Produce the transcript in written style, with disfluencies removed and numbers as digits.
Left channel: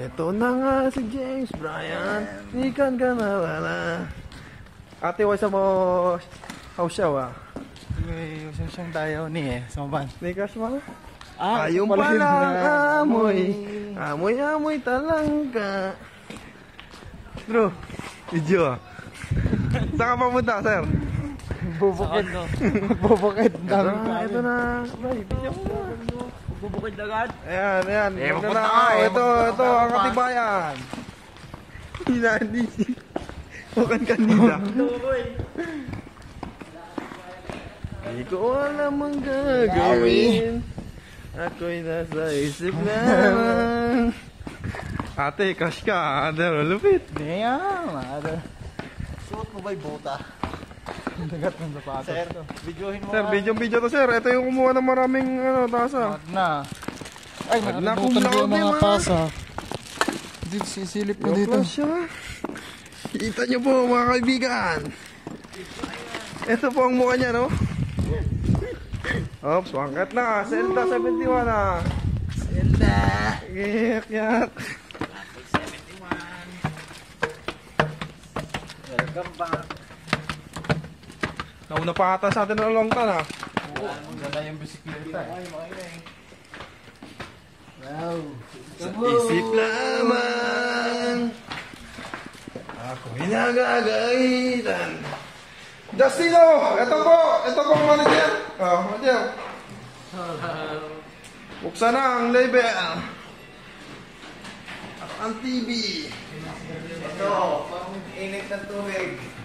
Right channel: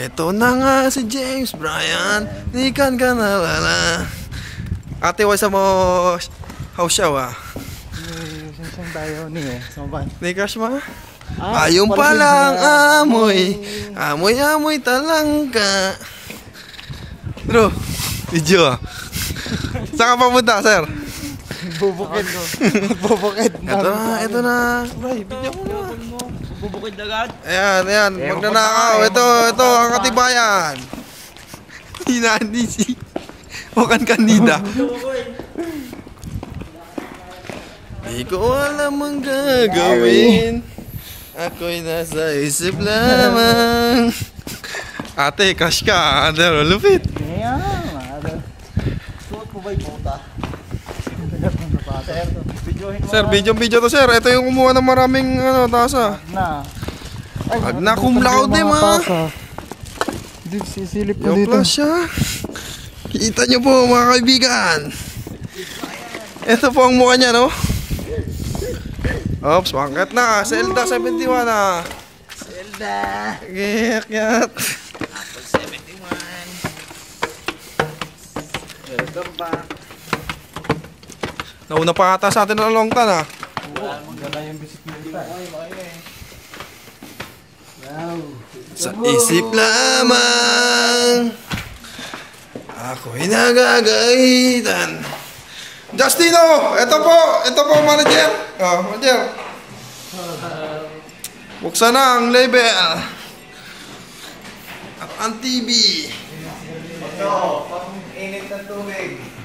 Ito na nga si James Bryan. Nikan ka na wala. Ate, wala mo house show ah. Saan tayo ni Samban? Ni crush mo? Ayun palang amoy. Amoy talangka. Bro, video ah. Saan ka papunta, sir? Bubukid. Bubukid. Ito na. Bray, video mo na. Bubukid agad. Ayan. Magnanakaw. Ito ang katibayan. Hinanisi. Huwag kanida. Di ko alam ang gagawin. Ako'y nasa isip lamang. Ate, crush ka. Ano, lupit. Suot mo ba'y bota? Sir, video to sir. Ito yung kumuha ng maraming tasa. Magna cum laude ma. Dito sisilip ko Yung dito. flash siya. Kita nyo po mga kaibigan. Ito po ang mukha niya, no? Oops, pangkat na. Zelda 71 na. Zelda. Giyak. Apple 71. Welcome back. Nauna pa ata sa atin na long tan ah. Maganda yung bisikleta. Wow. Sa isip lamang ako'y nagagalitan. Justino! Ito po manager. Manager. Buksan na ang label. At ang TV. Ito, pang init ng tubig.